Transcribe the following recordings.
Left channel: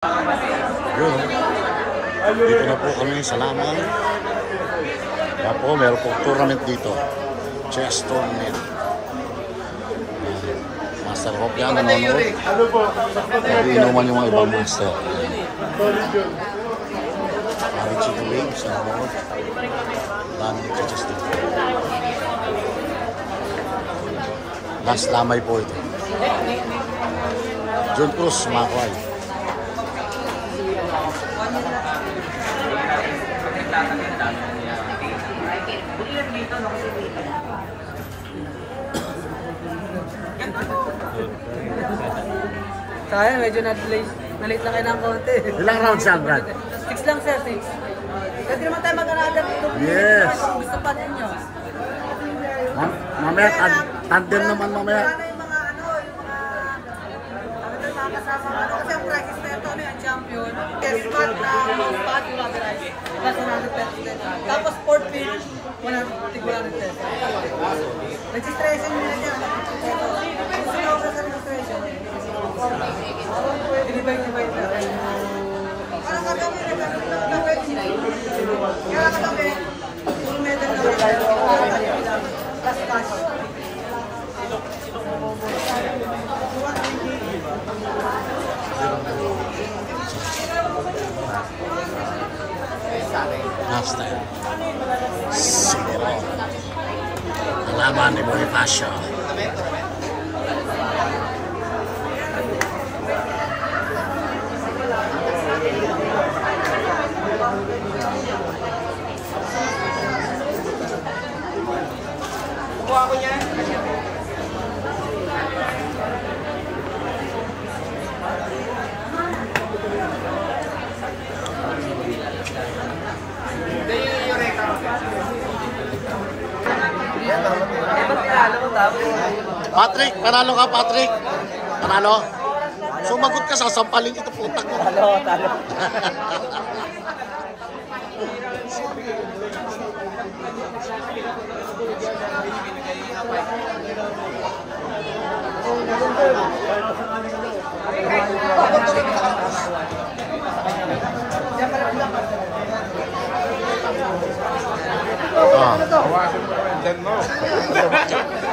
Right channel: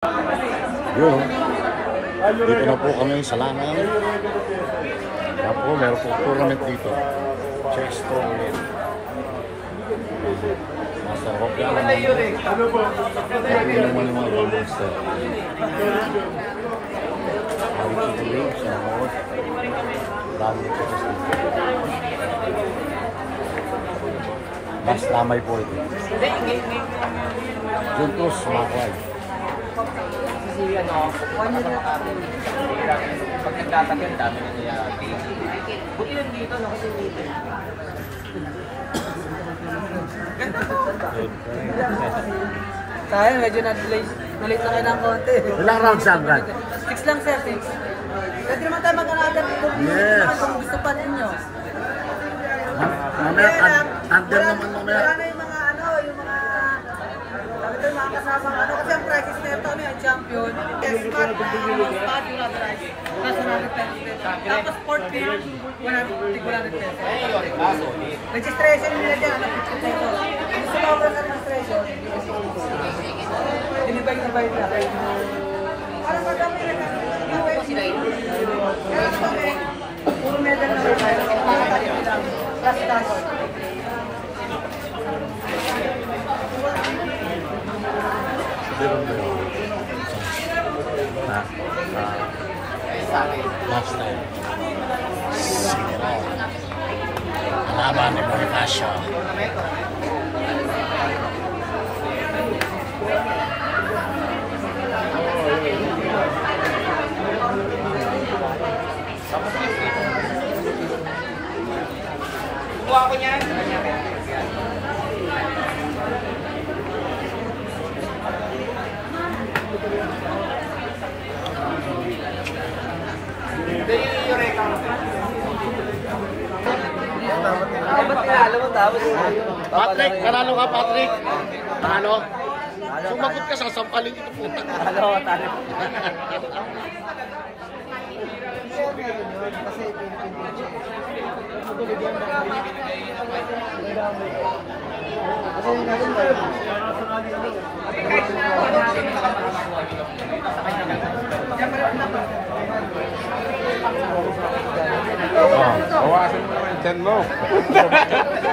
Yun. Dito na po kami sa Lanay. Kaya po, meron po tournament dito. Chess tournament. Master Hope yan. Nag-iinuman yung mga ibang master. Mari Chico Wave sa nanood. Dami dito chess dito. Last lamay po ito. John Cruz, Makway. Tayo, medyo na-late na kayo ng konti. Ilang rounds yan, Brad? 6 lang, sir. 6. Pwede naman tayo mag-another dito. Yes. Kung gusto pa ninyo. Mamaya, tandem naman mamaya. Kasi ang practice na ito, may champion. Test mat na spot, yung rubberized. Tapos 100 pesos. Tapos sport pitch, 100 pesos. Registration nila dyan. Gusto na ako ng registration. Divide na tayo. Ano sa kami na kami? Kaya kami. Last time, Cimeron. Laban ni Bonifacio. Kuha ko niyan. Patrick, panalo ka, Patrick. Panalo. Sumagot ka, sasampalin ito putang. Talo.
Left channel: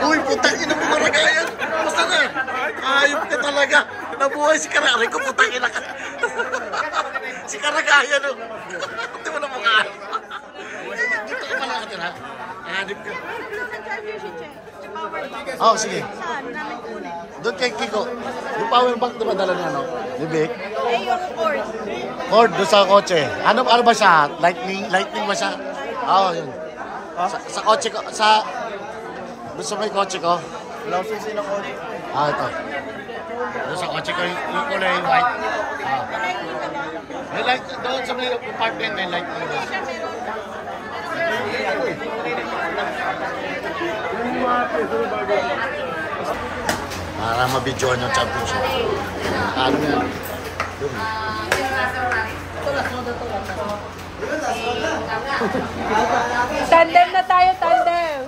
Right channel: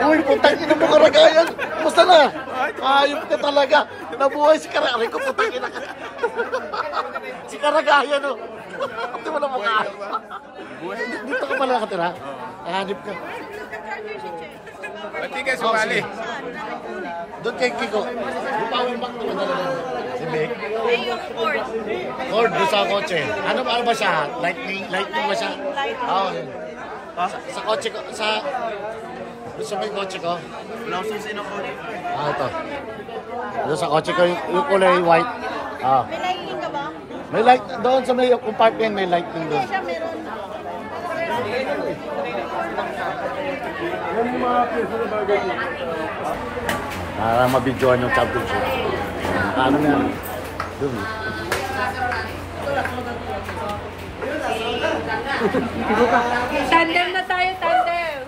Uy, putang ina mo, Karagayan. Basta na. Ayop ka talaga. Nabuhay si Karagayan ko, putang ina ka. Si Karagayan, oh. Hindi mo na mukha. Dito ka pala nakatira. Hanip ka. Oh, sige. Doon kay Kiko. Yung power bank diba dala niya? Bibig? Cord doon sa kotse. Ano ba siya? Lightning ba siya? Oo, yun. Sa kotse ko, doon sa may kotse ko. Ito. Doon sa kotse ko, yung kulay white. May light, doon sa may apartment, may lightning doon. Para mabidyoan yung championship. Ano yan? Doon. Tandem na tayo, tandem.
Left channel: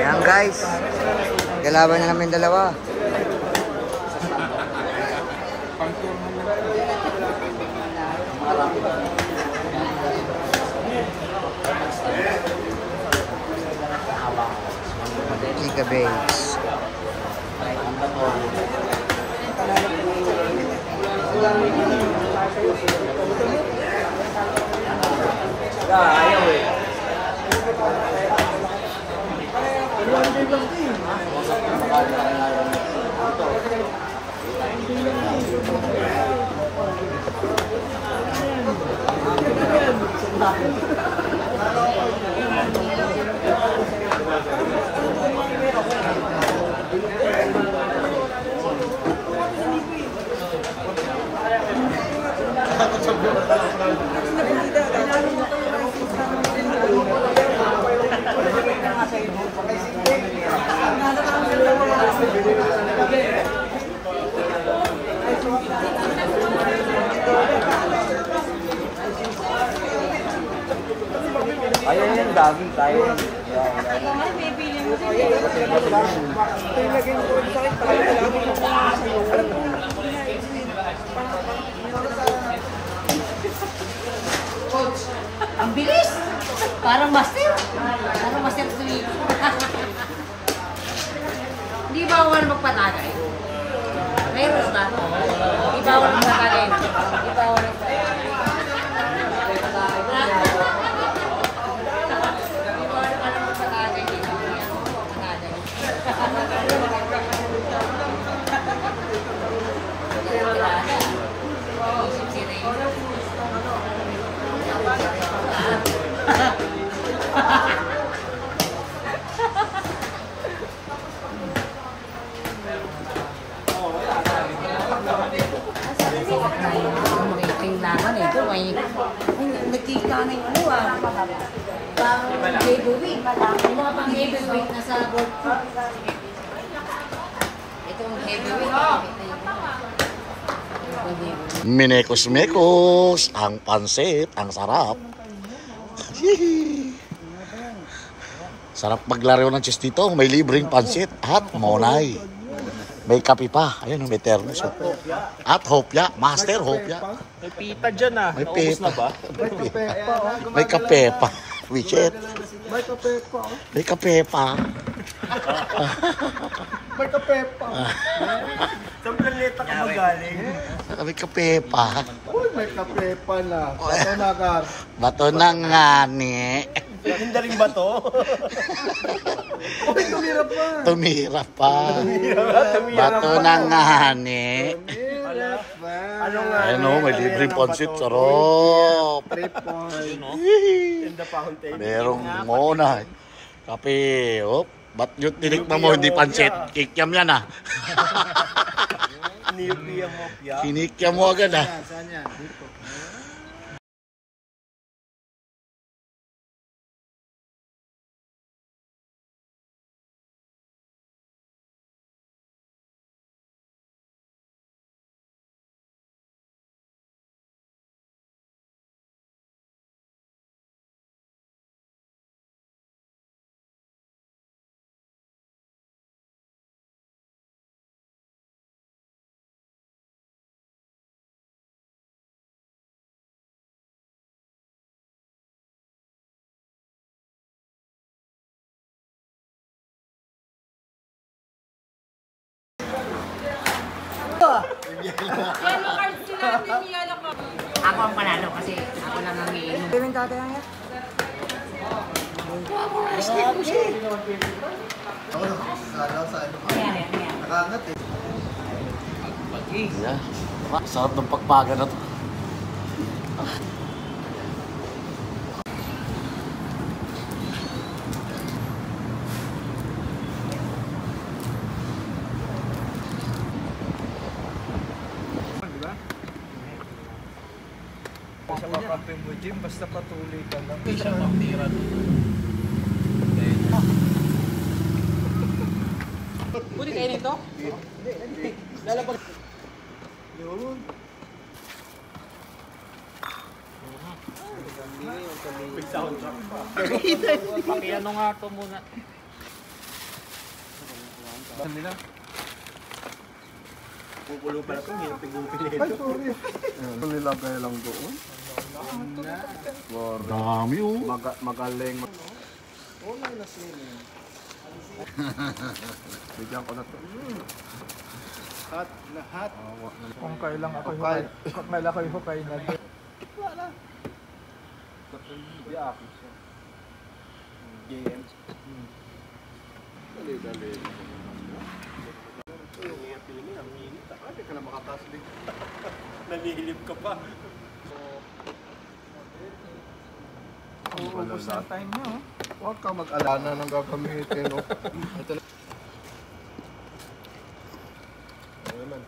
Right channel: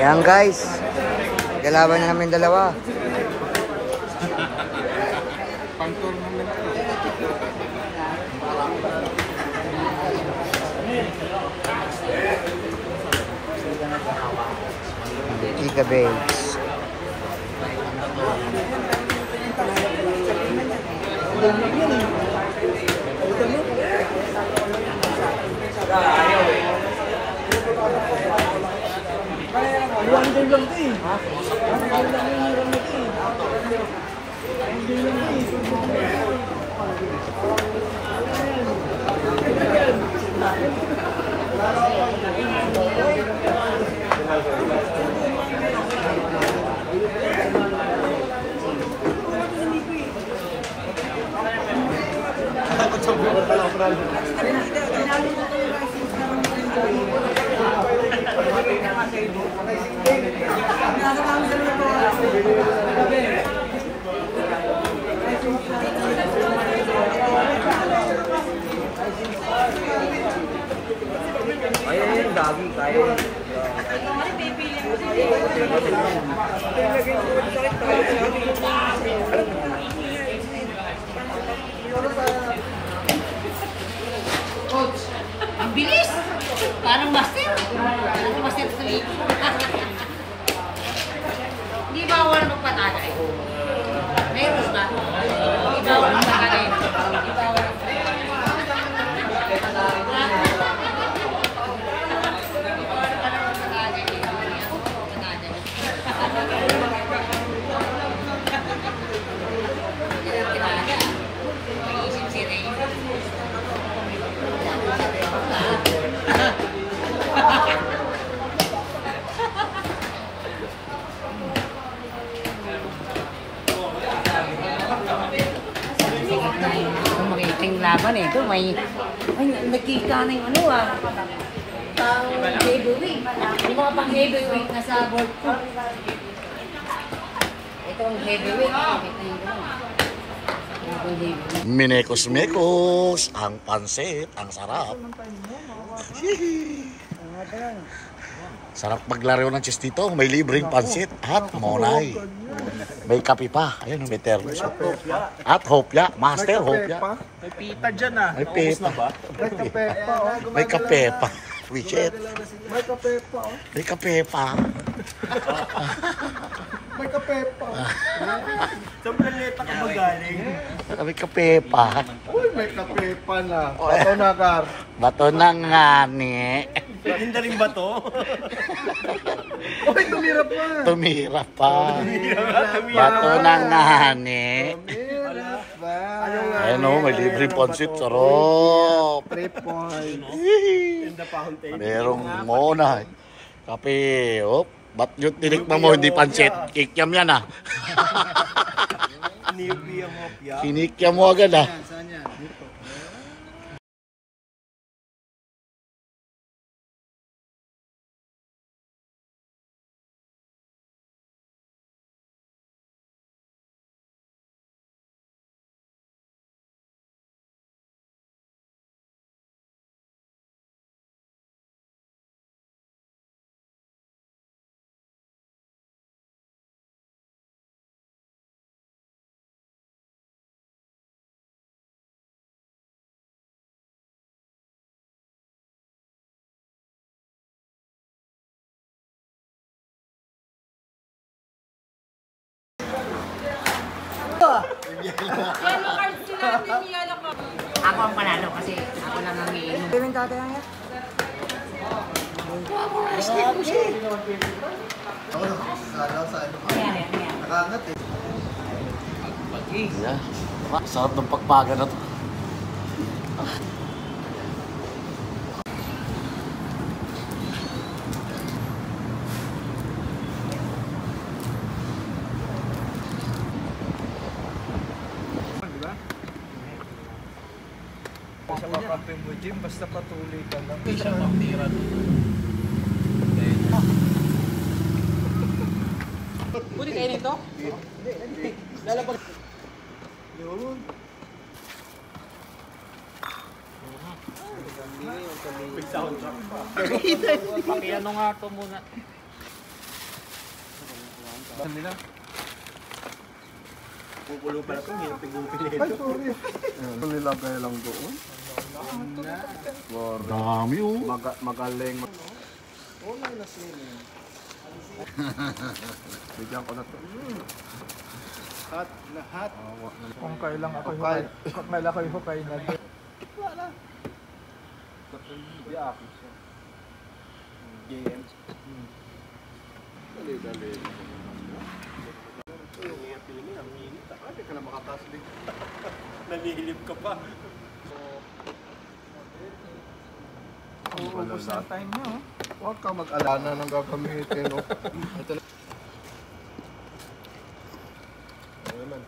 Ayan guys, galaban na namin dalawa. Giga Babes. Ayun yung dagi, kaya. Ang bilis! Parang master. Parang master sweet. Hindi bawal magpatagay. Meron ba? Hindi bawal magpatagay. Hindi bawal laban eh. Kung may nakita na yung ano giveaway. Yung mga pang giveaway na sa board ko. Ito ang giveaway. Minekos-mekos, ang pansit, ang sarap. Sarap maglaro ng chess dito. May libreng pansit at monay. May kape pa. Ayun, may termos. At hopya. Master hopya. May pita dyan ah. May pepa. May kape pa. Wichet. May kape pa. May kape pa. May kape pa. Sa planeta ka magaling. May kape pa. Uy, may kape pa na. Bato na ka. Bato na nga ni. Hindi rin ba to? Uy, tumira pa. Tumira pa. Bato na nga ni. Ayun o, may libreng pansit. Sarap. 3 points. In the fountain. Merong muna. Kape. Op. Ba't yung tinikman mo hindi pansit? Kikiam yan ah. Niyupiya mo, pya. Kinikiam mo agad ah. Saan yan? Dito. Ako ang panalo kasi ako lang ang iinom. Gawin tatay ang yan. Nakangat eh. Yeah. Sarap ng pagpaga na to. Sa kakampi mo, Jim, basta patuloy ka lang. Hindi siya magtira doon. Pwede kayo nito? Hindi. Lalabag. Yun. May soundtrack pa. Pakiano nga ito muna. Saan nila? Pupulo pala ito, hirap tigupin ito. Ay, sorry. Nilagay lang doon. Dami oh. Magaling. Online na swimming. Bigyan ko na ito. Lahat. Lahat. Kung kailang ako hukay na. Wala. Hindi ako siya. Games. Dali. Yung piling ang minit. Hindi ka na makataas din. Nanihilip ka pa. Ubus na time nyo. Huwag ka mag-alana ng gagamitin. No? Ito na. Ano naman?